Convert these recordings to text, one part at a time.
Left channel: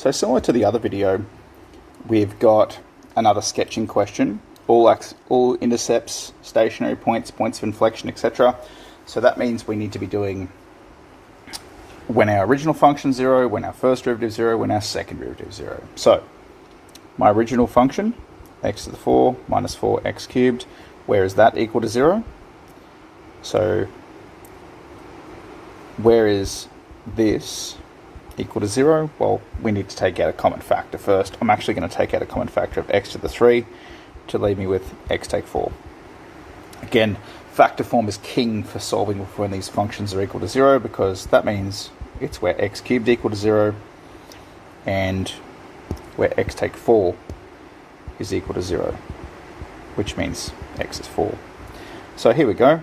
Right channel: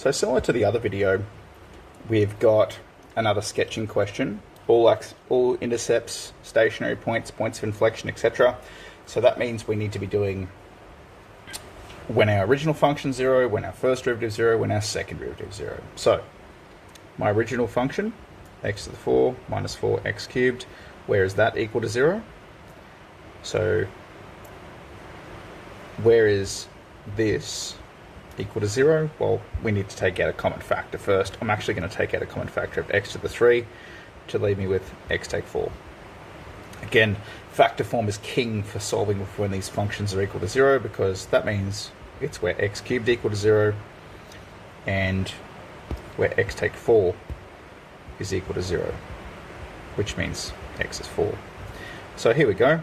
So similar to the other video, we've got another sketching question, all intercepts, stationary points, points of inflection, etc. So that means we need to be doing when our original function 0, when our first derivative 0, when our second derivative 0. So my original function, x to the 4 minus 4x cubed, where is that equal to 0? So where is this equal to 0? Well, we need to take out a common factor first. I'm actually going to take out a common factor of x to the 3 to leave me with x take 4. Again, factor form is king for solving when these functions are equal to 0, because that means it's where x cubed equal to 0 and where x take 4 is equal to 0, which means x is 4. So here we go.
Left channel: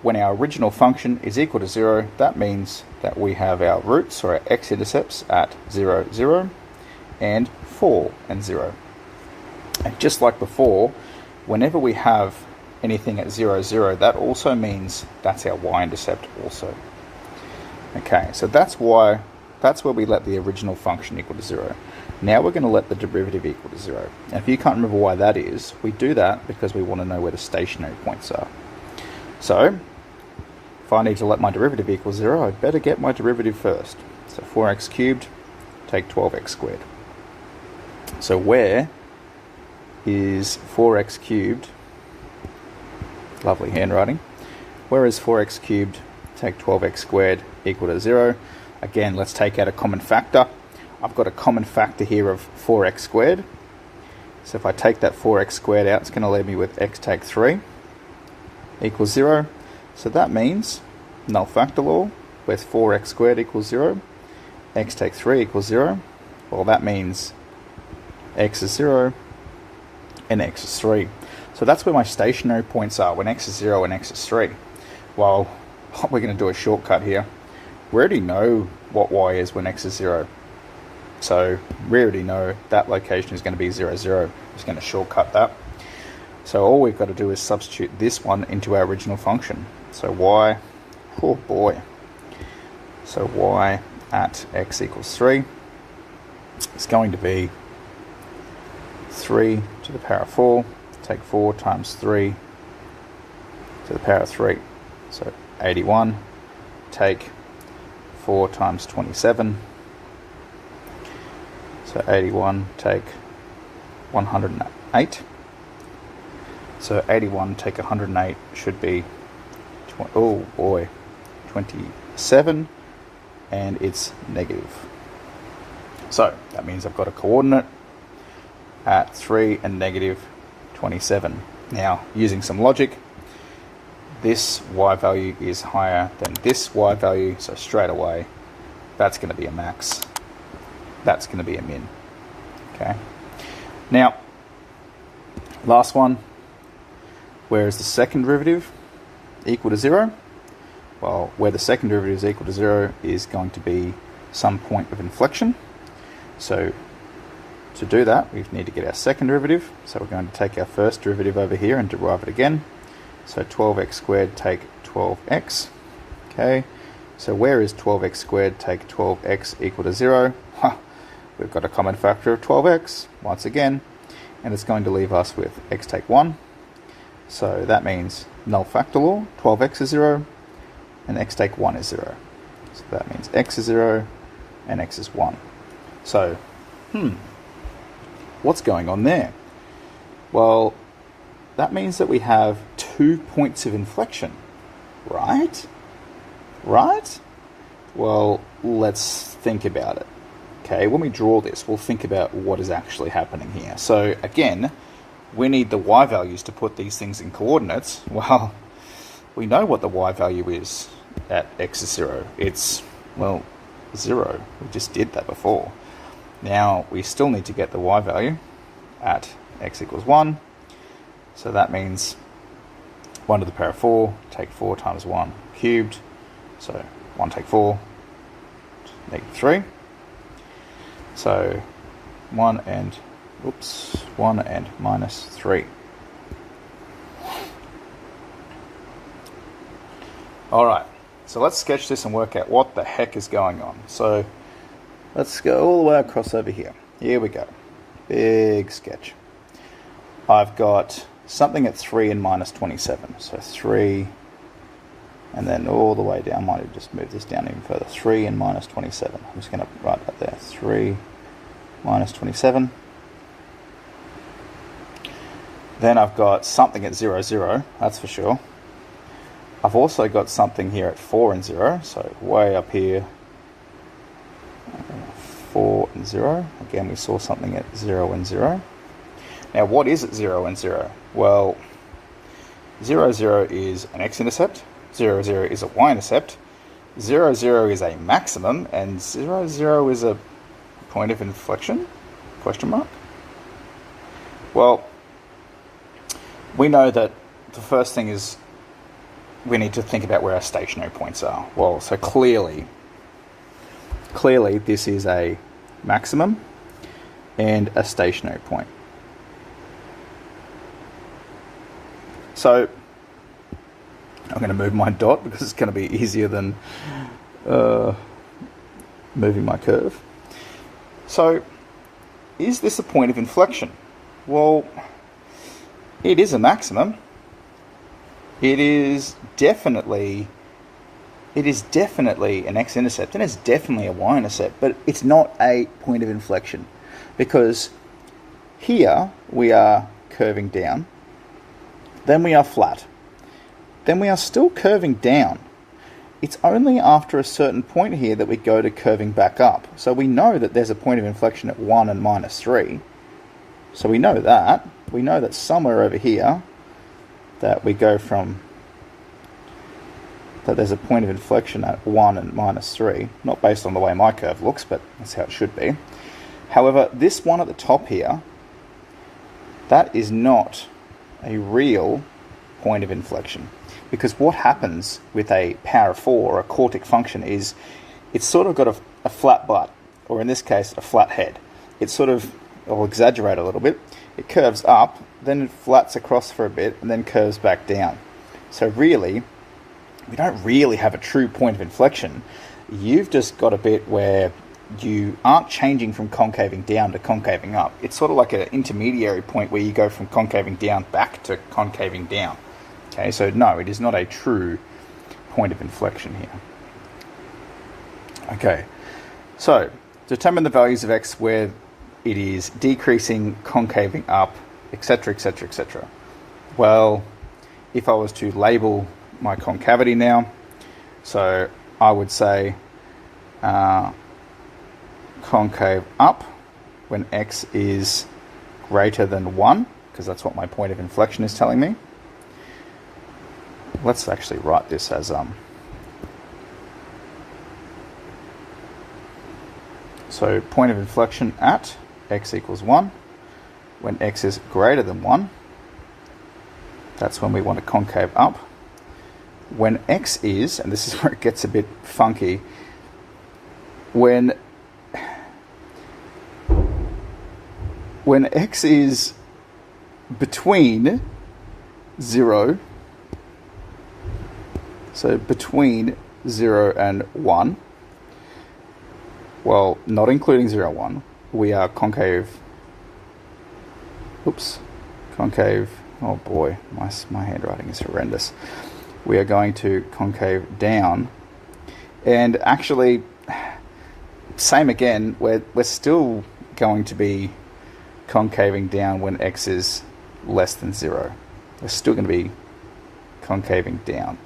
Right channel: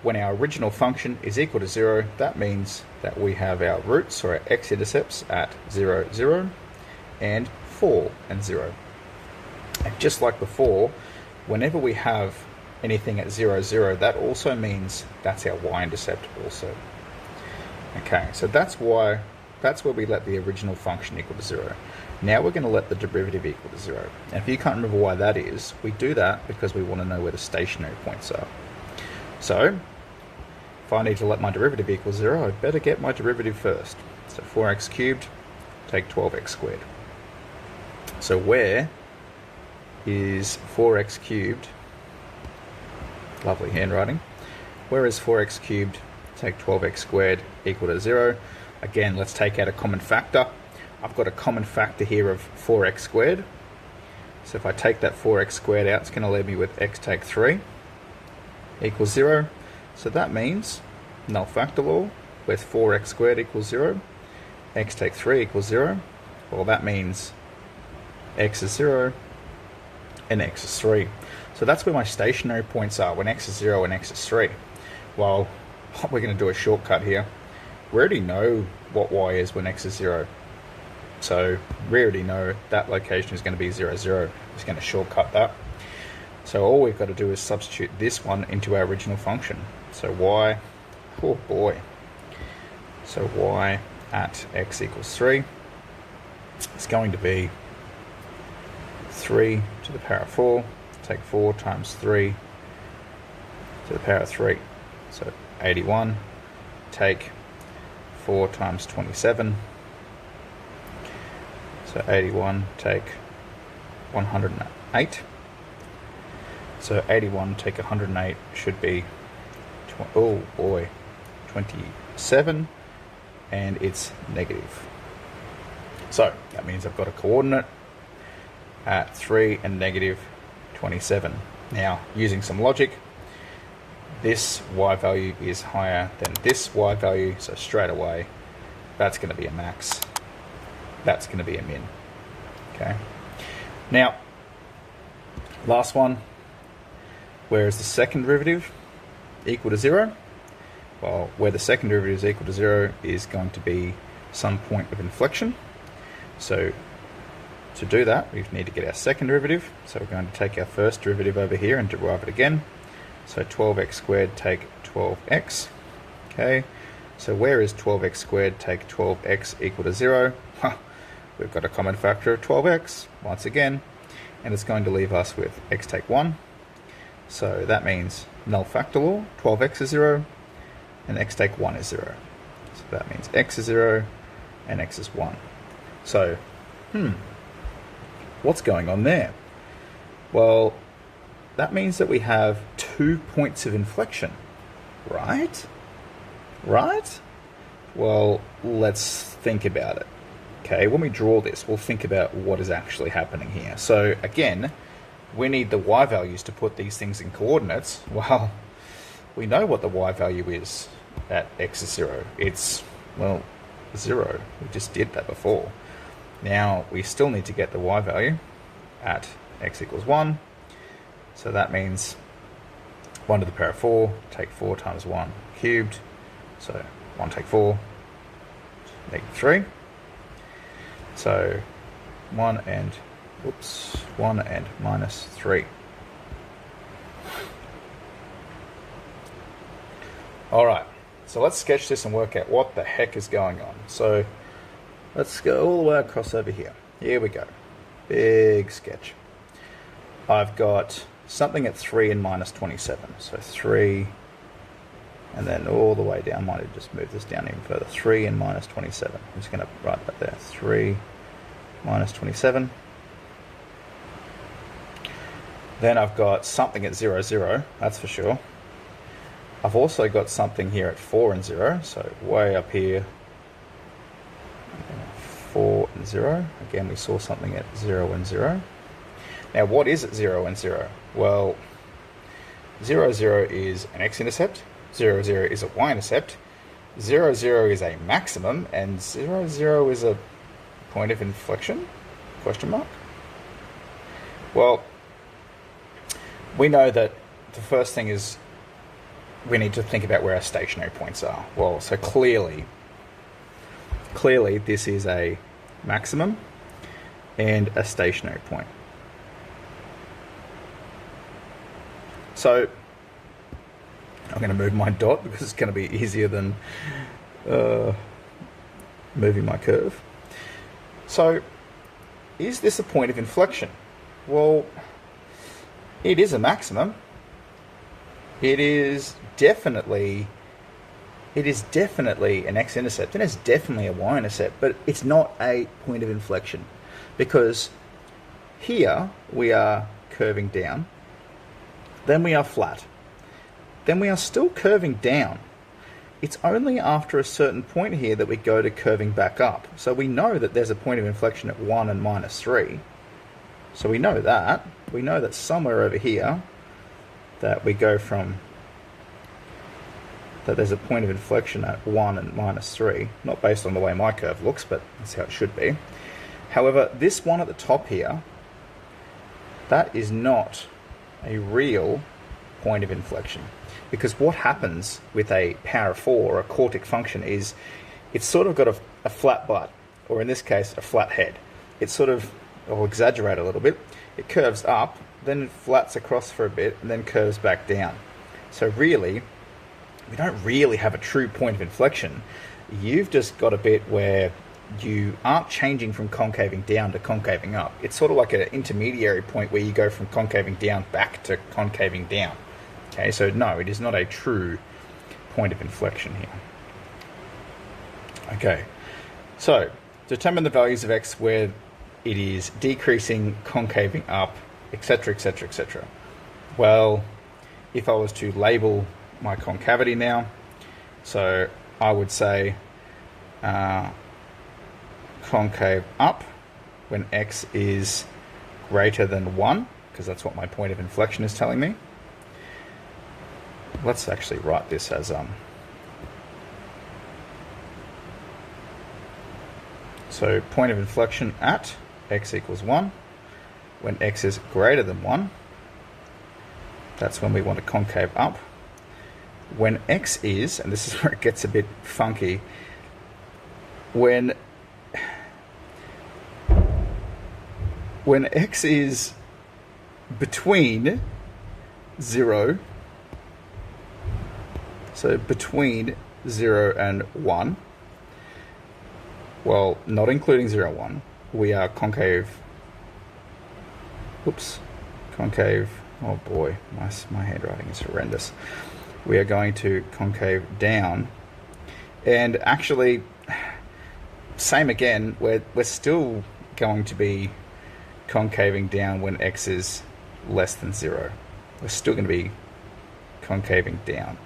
When our original function is equal to 0, that means that we have our roots, or our x-intercepts, at 0, 0, and 4 and 0. And just like before, whenever we have anything at 0, 0, that also means that's our y-intercept also. Okay, so that's where we let the original function equal to 0. Now we're going to let the derivative equal to 0. And if you can't remember why that is, we do that because we want to know where the stationary points are. So if I need to let my derivative equal 0, I better get my derivative first. So 4x cubed, take 12x squared. So where is 4x cubed? Lovely handwriting. Where is 4x cubed, take 12x squared, equal to 0? Again, let's take out a common factor. I've got a common factor here of 4x squared. So if I take that 4x squared out, it's going to leave me with x take 3 equals 0. So that means, null factor law, where's 4x squared equals 0, x take 3 equals 0. Well, that means x is 0 and x is 3. So that's where my stationary points are, when x is 0 and x is 3. Well, we're going to do a shortcut here. We already know what y is when x is 0. So we already know that location is going to be 0, 0. Just going to shortcut that. So all we've got to do is substitute this one into our original function. So y, oh boy. So y at x equals 3 is going to be 3 to the power of 4. Take 4 times 3 to the power of 3. So 81. Take 4 times 27. So 81 take 108. So 81 take 108 should be, oh boy, 27, and it's negative. So that means I've got a coordinate at 3 and negative 27. Now, using some logic, this y value is higher than this y value, so straight away that's going to be a max. That's going to be a min. Okay. Now, last one. Where is the second derivative equal to 0? Well, where the second derivative is equal to 0 is going to be some point of inflection. So to do that, we need to get our second derivative. So we're going to take our first derivative over here and derive it again. So 12x squared take 12x. Okay. So where is 12x squared take 12x equal to 0? We've got a common factor of 12x once again, and it's going to leave us with x take 1. So that means null factor law, 12x is 0, and x take 1 is 0. So that means x is 0, and x is 1. So, what's going on there? Well, that means that we have 2 points of inflection, right? Right? Well, let's think about it. Okay, when we draw this, we'll think about what is actually happening here. So again, we need the y values to put these things in coordinates. Well, we know what the y value is at x is 0. It's, well, 0. We just did that before. Now, we still need to get the y value at x equals 1. So that means 1 to the power of 4, take 4 times 1 cubed. So 1 take 4, negative 3. So 1 and minus 3. Alright, so let's sketch this and work out what the heck is going on. So Let's go all the way across over here. Here we go. Big sketch. I've got something at 3 and minus 27. So 3, and then all the way down. I might have just moved this down even further. 3 and minus 27. I'm just going to write that there. 3 minus 27. Then I've got something at 0, 0. That's for sure. I've also got something here at 4 and 0. So way up here. 4 and 0. Again, we saw something at 0 and 0. Now, what is at 0 and 0? Well, 0, 0 is an x-intercept, 0, 0 is a y-intercept, 0, 0 is a maximum, and 0, 0 is a point of inflection? Question mark? Well, we know that the first thing is we need to think about where our stationary points are. Well, so clearly this is a maximum and a stationary point. So I'm going to move my dot because it's going to be easier than moving my curve. So is this a point of inflection? Well, it is a maximum. It is definitely an x-intercept, and it's definitely a y-intercept, but it's not a point of inflection because here we are curving down, then we are flat, then we are still curving down. It's only after a certain point here that we go to curving back up. So we know that there's a point of inflection at 1 and minus 3. So we know that. We know that somewhere over here that we go from, that there's a point of inflection at 1 and minus 3. Not based on the way my curve looks, but that's how it should be. However, this one at the top here, that is not a real point of inflection. Because what happens with a power of 4 or a quartic function is it's sort of got a flat butt, or in this case, a flat head. It sort of, I'll exaggerate a little bit, it curves up, then it flats across for a bit, and then curves back down. So really, we don't really have a true point of inflection. You've just got a bit where you aren't changing from concaving down to concaving up. It's sort of like an intermediary point where you go from concaving down back to concaving down. Okay, so no, it is not a true point of inflection here. Okay, so determine the values of x where it is decreasing, concaving up, etc., etc., etc. Well, if I was to label my concavity now, so I would say concave up when x is greater than 1, because that's what my point of inflection is telling me. Let's actually write this as so point of inflection at x equals 1. When x is greater than 1, that's when we want to concave up. When x is, and this is where it gets a bit funky, when x is between 0, so between 0 and 1, well, not including 0, 1, we are concave, concave, oh boy, my handwriting is horrendous. We are going to concave down, and actually, same again, we're still going to be concaving down when x is less than 0. We're still going to be concaving down.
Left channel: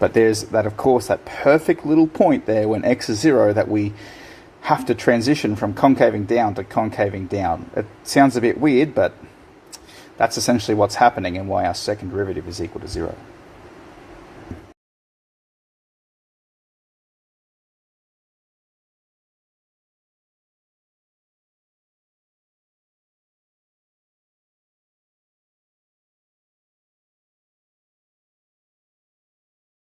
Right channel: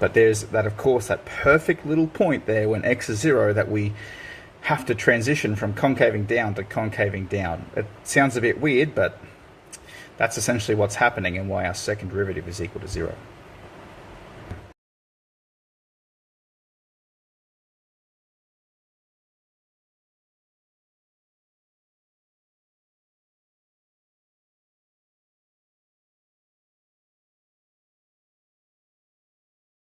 But there's that, of course, that perfect little point there when x is 0 that we have to transition from concaving down to concaving down. It sounds a bit weird, but that's essentially what's happening and why our second derivative is equal to 0.